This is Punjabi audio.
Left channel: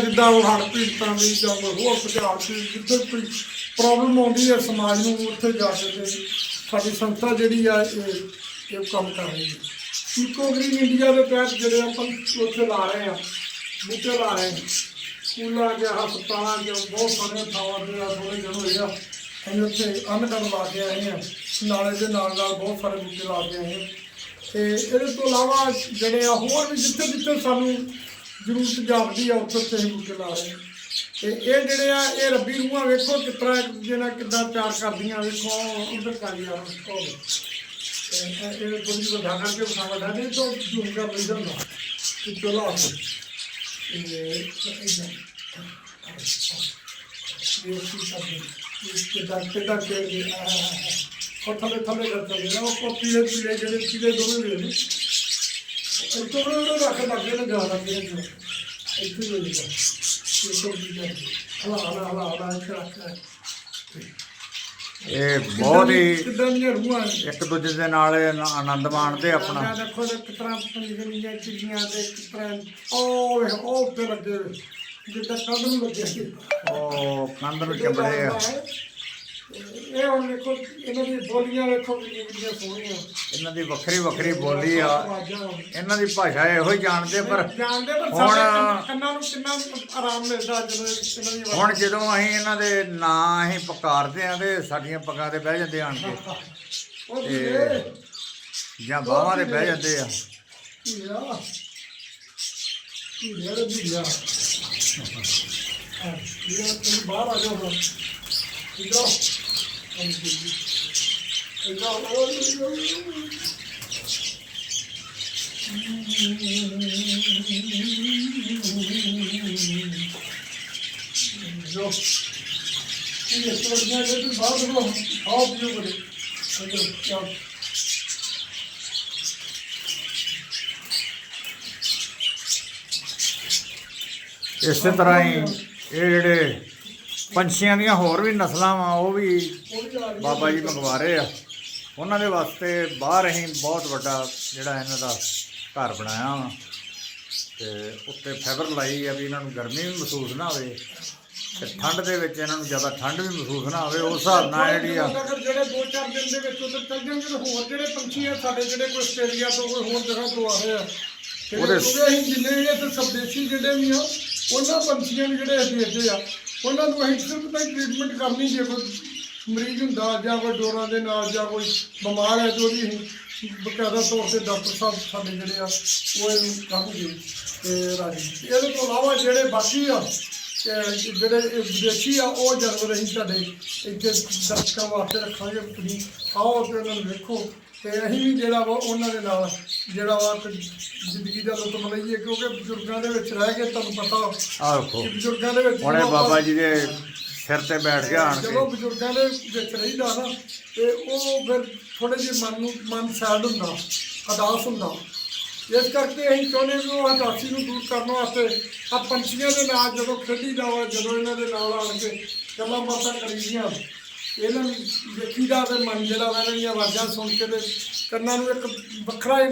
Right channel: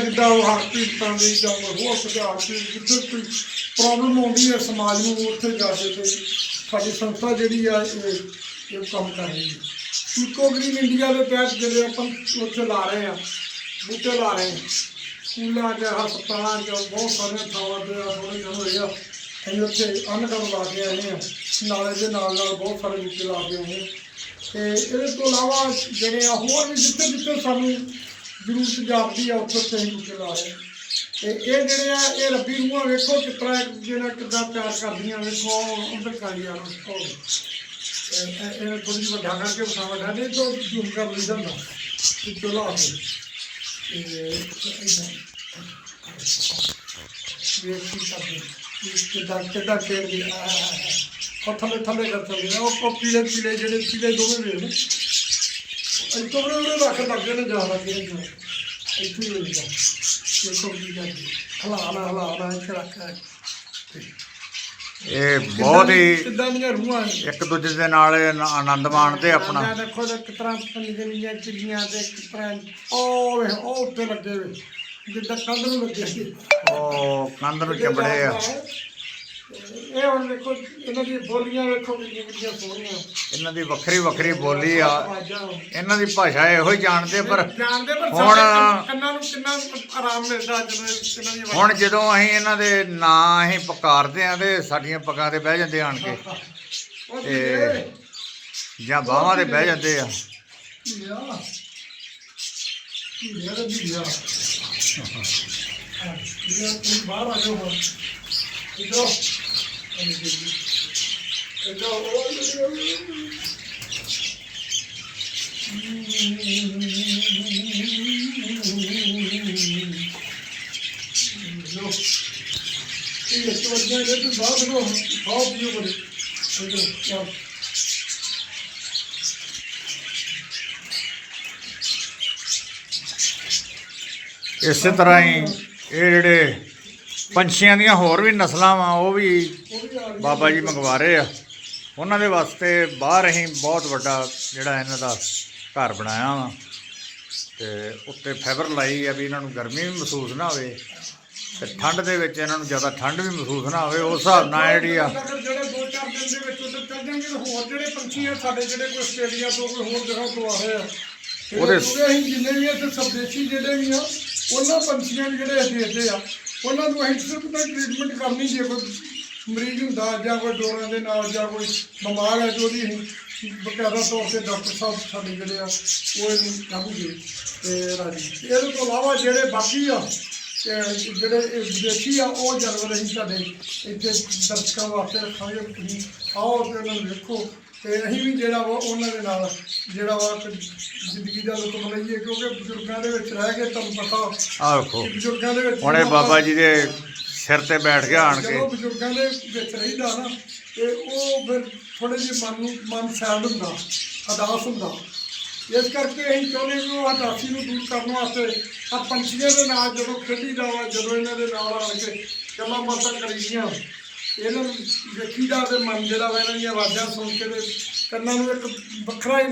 ਜਿੱਦਾਂ ਉਹ ਹੜ੍ਹ ਪੀੜਤਾਂ ਦੀ ਜਾਂ ਹੋਰ ਸੁਝਾਅ ਦੀ ਜਿੱਧਰ ਕੋਈ ਪ੍ਰੋਬਲਮ ਆਉਂਦੀ ਹੈ, ਸਮਾਜ ਨੂੰ ਉੱਥੇ ਜਾ ਕੇ ਤੇ ਸਾਡੀ ਸੰਸਥਾ ਜਿਹੜੀ ਆ, ਇਹ ਇਹ ਕੰਮ ਕਰ ਰਹੀ ਹੈ। ਇਕੋ ਗ੍ਰੀਨ ਇੰਡੀਆ ਦੇ ਤਹਿਤ ਜਿਹੜੇ ਆਪਾਂ ਉੱਥੇ ਲਾ ਰਹੇ ਆ ਬੂਟੇ ਲਾ ਰਹੇ ਆ ਸਕੂਲਾਂ 'ਚ ਹਸਪਤਾਲਾਂ 'ਚ ਬਹੁਤ ਸਾਰੀਆਂ ਥਾਵਾਂ ਤੇ ਆ ਥੋੜੇ ਦਿਨ ਹੋਏ ਆ, ਅਸੀਂ ਉੱਥੇ ਅੰਨਗੜ ਲਾ ਕੇ ਆਏ ਆ ਨਾਲੇ ਦੇ ਨਾਲ ਨਾਲ ਬਹੁਤ ਸਾਰੇ ਬੂਟੇ ਲਾ ਕੇ ਆਏ ਆ ਤੇ ਇਹਦੇ ਤੋਂ ਇਲਾਵਾ ਜਿਹੜੇ ਆ, ਹੋਰ ਵੀ ਜਿੱਥੇ ਜਿੱਥੇ ਸਾਨੂੰ ਜ਼ਰੂਰ ਜਾਪਦੀ ਆ, ਉੱਥੇ ਉੱਥੇ ਅਸੀਂ ਤੇ ਇਹ ਜਿਹੜੇ ਆ, ਇਹ ਰੱਬੀ ਰੂਹਾਂ ਵੇਖੋ ਕਿਸ ਤਰ੍ਹਾਂ ਇੱਕ ਦੂਜੇ ਨਾਲ ਕਿੱਦਾਂ ਪਿਆਰ ਕਰਦੀਆਂ, ਵੇਖੋ, ਉਧਰ ਕਰ ਯਾਰ ਉਹ ਇਹ ਇਹ- ਇਹ ਥੋੜੀ ਵਧਾ ਕਰਕੇ ਬਸਾਵਾ ਦਾ ਨਹੀਂ ਕਰ ਲਈ ਜਾਂਦਾ, ਤੂੰ ਚਲਾ ਆ ਇਹ ਇਦਾਂ। ਇਹ ਕੀ ਕਰਦੇ ਇਸ ਕੇ ਦਾ ਕਿੱਦਾਂ ਖੇਡ ਦੀ ਆ ਉਹ ਥੱਲੇ ਥੱਲੇ ਕਰਦੇ ਨੇ, ਉਹ ਪੀਲੇ ਇਹ ਤੋਂ ਬੜੇ ਰੱਖ ਲੱਗੇ ਨੇ ਜਾ ਲੱਗੇ ਨੇ ਜੋ ਇੱਥੇ ਹੀ ਮਿਲਦਾ ਇਹ ਕੋਈ ਵੀ ਨਹੀਂ ਹਲਾ ਹਲਾ ਹਲਾ ਹਲਾ ਇੱਥੇ ਰੱਖ ਲੈ। ਇਹ ਬਹੁਤ ਹੀ ਕਿੱਦਾਂ ਦੀਆਂ ਰੂਹਾਂ ਨੇ? ਇੱਕ ਦੂਜੇ ਦੇ ਨਾਲ ਆਨ- ਆਨੰਦ ਮਾਣਦੇ ਆਪਣਾ। ਮੈਂ ਦੇਖੋ ਤੇ ਕਿਸ ਤਰ੍ਹਾਂ ਪੰਜੀਆਂ ਚਿੜੀਆਂ ਦੇ ਕਿਸ ਤਰ੍ਹਾਂ ਉਹ ਉਹ ਉੱਤੇ ਲੱਗੇ ਜਿੱਦਾਂ ਕੰਧ ਨੂੰ ਲੱਗੇ ਸੀ ਉਹ ਕੰਧ ਨੂੰ ਚੰਬੜੇ ਆ। ਇਹ ਹੁਣ ਵੇਖੋ ਇਹਨਾਂ ਦੀ ਬੋਲੀਆਂ ਵੇਖੋ ਕਿੰਨੀਆਂ ਕਿੰਨੀਆਂ ਸੋਹਣੀਆਂ। ਇਹਨਾਂ ਦੀ ਵੱਖਰੀ ਵੱਖਰੀ ਬੋਲੀ ਆ। ਆਵਾਜ਼ਾਂ ਇਹਨਾਂ ਦੀ ਭਾਸ਼ਾ ਇਹੋ ਹੀ ਜਾਣਦੇ ਪਰ ਜਾਣਦੇ ਪਰ ਹੁਣ- ਸਾਡੇ ਕੰਨਾਂ ਨੂੰ ਕਿੰਨਾ ਆਰਾਮ ਮਿਲਦਾ ਜਦੋਂ ਇਹਨਾਂ ਦੀ ਹੁਣ ਜਦੋਂ ਅਸੀਂ ਇਹਨਾਂ ਦੇ ਨਾਂ ਅਸੀਂ ਪੁਕਾਰਦੇ ਆ ਤੇ ਸਾਡੀਆਂ ਪੱਗਾਂ ਤੇ ਬਹਿ ਜਾਂਦੇ ਆਣ ਕੇ। ਉਹ ਇਹ ਜਾਂ ਬਾਹਾਂ ਤੇ ਬਹਿ ਜਾਂਦੇ ਆ। ਧੀਆ। ਧੀਆ ਦੇ ਧੀਆ। ਧੀਆ ਤੁਸੀਂ ਬਾਹਰ ਆ ਜਾਓ ਹੁਣ। ਇਧਰ ਇਧਰ ਉਹ ਜੋ ਇਹ ਤੋਂ ਗਿਆ ਜੇ ਤੂੰ ਬਾਹਰ ਨੂੰ ਖਾਓ ਪੀਓ ਬੜੇ ਇਧਰ ਚੱਲ ਇਸੇ ਤਰ੍ਹਾਂ ਹੀ ਇਹ ਜਿਹੜੇ ਪੰਛੀਆਂ ਦੀਆਂ ਹੋਰ ਵੀ ਨਸਲਾਂ ਵਾ ਉਹ ਵੀ ਆ ਬਾਬਾ ਜੀ ਮੰਗਵਾ ਰਹੇ ਆ। ਉਹਨਾਂ ਦੇ ਵਾਸਤੇ ਬਾਹਰ ਅਸੀਂ ਬਹੁਤ ਵੱਡਾ ਜਿਹੜਾ ਇਹਨਾਂ ਦਾ ਘਰ ਬਣਾਇਆ ਵਾ। ਤੇ ਉੱਤੇ ਫਾਈਬਰ ਲਾਈ ਆ ਵੀ ਇਹਨਾਂ ਨੂੰ ਗਰਮੀ ਵੀ ਮਹਿਸੂਸ ਨਾ ਹੋਵੇ ਤੇ ਠੰਡ ਦੇ ਵਿੱਚ ਇਹਨਾਂ ਨੂੰ ਜ਼ਿਆਦਾ ਠੰਡ ਵੀ ਮਹਿਸੂਸ ਨਾ ਹੋਵੇ ਉਸ ਹਿਸਾਬ ਨਾਲ ਜਿਹੜੀ ਆ ਜਿਹੜੇ ਦੋ ਚਾਰ ਦਿਨ ਦੇ ਵਿੱਚ ਉਧਰ ਚੱਲ ਜਾਣਗੇ ਤਾਂ ਹੋਰ ਜਿਹੜੇ ਪੰਛੀ ਆ ਸਾਡੇ ਜਿਹੜੇ ਕੋਈ ਆਸਟ੍ਰੇਲੀਆ ਤੋਂ ਕੋਈ ਹੋਰ ਜਗ੍ਹਾ ਤੋਂ ਆ ਰਹੇ ਆ ਉਹਦੇ- ਅਸੀਂ ਜਿੰਨੇ ਵੀ ਇੱਥੇ ਸਵਦੇਸ਼ੀ ਜਿਹੜੇ ਵੀ ਆ ਉਹਨਾਂ ਪੰਛੀਆਂ ਨੂੰ ਜਿਹੜੇ ਅਸੀਂ ਭੇਜਦੇ ਆ ਉਹਨਾਂ ਨੂੰ ਅਸੀਂ ਸਿਰਫ ਤਾਂ ਟ੍ਰੀਟਮੈਂਟ ਕਰਨੀ ਜੇ ਕੋਈ ਮਰੀਜ਼ ਹੁੰਦਾ ਜਾਂ ਕੋਈ ਡੋਰਾਂ ਦੇ ਨਾਲ ਜਾਂ ਕੋਈ ਬਿਮਾਰ ਹੈ ਤੇ ਉਹਦੀ ਅਸੀਂ ਬਕਾਇਦਾ ਤੌਰ ਤੇ ਡਾਕਟਰ ਸਾਹਿਬ ਸਾਡੇ ਜਿਹੜੇ ਆ, ਉਹ ਇਹਨੂੰ ਕਰਨਗੇ ਤੇ ਰਾਜੀ। ਇਹਦੇ ਤੋਂ ਇਲਾਵਾ ਜਿਹੜੇ ਬਾਕੀ ਆ ਜਿਹੜੇ ਵਿਦੇਸ਼ੀ ਆ, ਉਹ ਜਾਨਵਰ ਅਸੀਂ ਤੁਹਾਡੇ ਇੱਥੇ ਦਰਸ਼ਕਾਂ ਵਾਸਤੇ ਰੱਖਾਂਗੇ। ਤੁਸੀਂ ਆਓ ਤੇ ਉਹਨਾਂ ਨੂੰ ਵੇਖੋ। ਤੇ ਅਸੀਂ ਵੀ ਜਿਹੜਾ ਵਾ ਉਹਨਾਂ ਦੇ ਨਾਲ ਜਿਹੜਾ ਵਾ ਜ਼ਿੰਦਗੀ ਦਾ ਲੁਤਫ ਲਈਏ ਕਿਉਂਕਿ ਬਜ਼ੁਰਗਾਂ ਦੇ ਵਿੱਚ ਰਹਿ ਕੇ ਤੁਹਾਨੂੰ ਪਤਾ ਆਹ। ਵੇਖੋ ਕਿ ਬਜ਼ੁਰਗਾਂ ਦੇ ਵਿੱਚ ਹੁਣੇ ਜਦੋਂ ਬਾਬਾ ਜੀ ਦੇ ਸਿਰ ਤੇ ਬੈਠ ਕੇ ਆਣ ਜਦੋਂ ਕੇ ਬਜ਼ੁਰਗਾਂ ਦੇ ਵਿੱਚ ਰਹੀਦਾ ਨਾ ਤੇ ਉਹ ਫਿਰ ਥੋੜੇ ਜਿਹੇ ਮਨ ਨੂੰ ਮਨ ਸੈਡ ਹੁੰਦਾ ਅਦਾਸ ਹੁੰਦਾ। ਇਸ ਕਰਕੇ ਅਸੀਂ ਚਾਹੁੰਦੇ ਵੀ ਉਹ ਹਦਾਸੀ ਨੂੰ ਦੂਰ ਕਰਨ ਵਾਸਤੇ ਆ ਪੰਛੀਆਂ ਦੇ ਨਾਲ ਜਦੋਂ ਖੇਡੀਦਾ ਵਾ ਜਦੋਂ ਇਹਨਾਂ ਦੇ ਨਾਲ ਆਣ ਕੇ ਗੱਲਾਂ ਬਾਤਾਂ ਕਰੀਦੀਆਂ। ਇਹਨਾਂ ਨੂੰ ਵੇਖੀਦਾ ਤੇ ਮਨ ਜਿਹੜਾ ਵਾ ਇਹਨਾਂ ਦੀਆਂ ਆਵਾਜ਼ਾਂ ਸੁਣ ਕੇ ਤੇ ਕੰਨਾਂ ਨੂੰ ਇੱਕ ਵੱਖਰਾ ਹੀ